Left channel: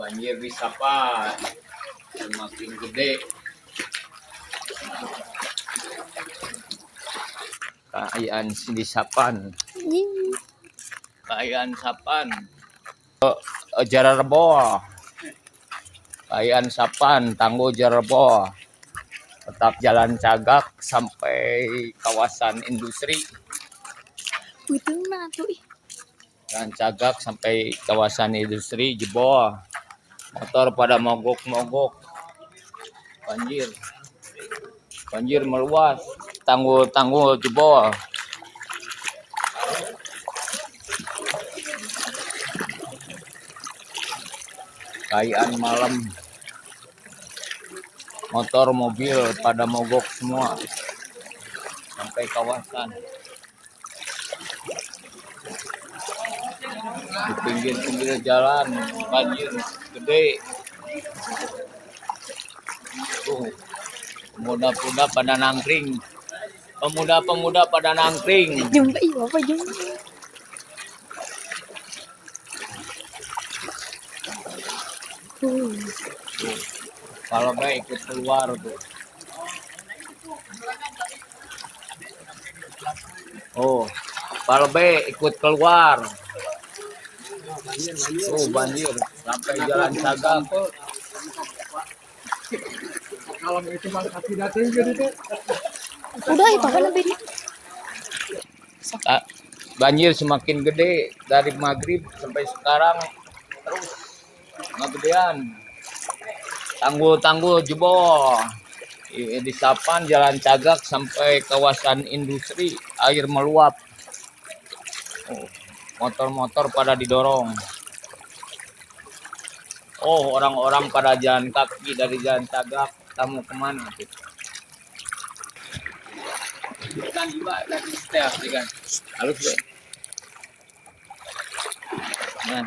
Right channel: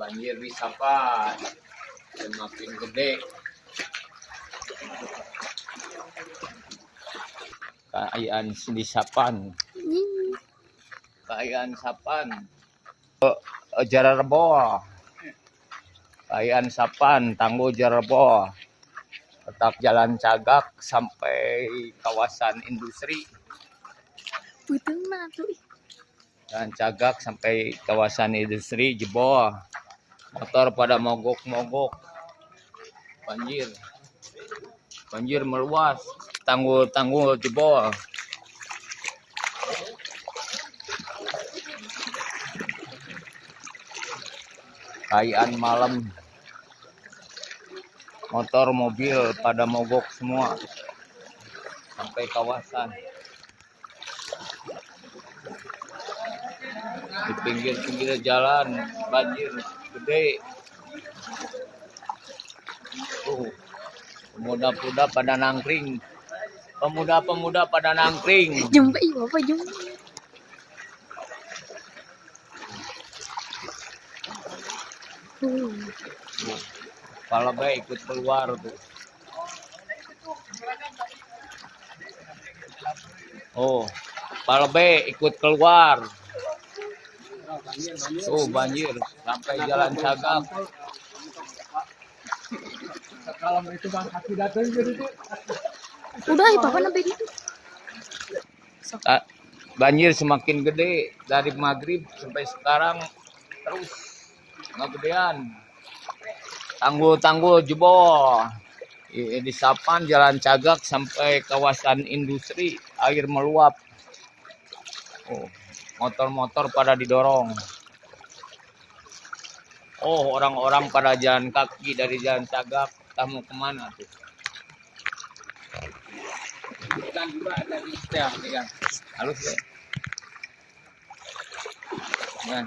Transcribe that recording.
Banjir di Sapan semakin gede. Kaayaan di Sapan. Kaayaan Sapan. Jararbo. Kaayaan Sapan, Tangguh Jararbo. Tetap jalan Cagak sampai kawasan industri. Jalan Cagak sampai kawasan industri jebol. Motor pada mogok-mogok. Banjir meluas. Tanggul jebol. Kaayaan malam. Motor mobil pada mogok semua sampai kawasan. Di pinggir-pinggir jalan banjir gede. Pemuda-pemuda pada nangkring. Pemuda-pemuda pada nangkring. Jumpa ibu apa jumpa? Kalau baik ikut keluar tuh. Oh, kalau baik ikut keluar. Oh, banjir sampai jalan Cagak. Kalau itu mah tidak terjadi itu. Udah itu apa lebih itu? Banjir semakin gede dari maghrib sampai sekarang terus magedean. Tanggul jebol. Di Sapan jalan Cagak sampai kawasan industri air meluap. Oh, motor-motor pada didorong. Oh, orang-orang pada jalan kaki dari jalan Cagak. Kamu kemana tuh? Kan juga tadi setel kan. Halus deh. Nah.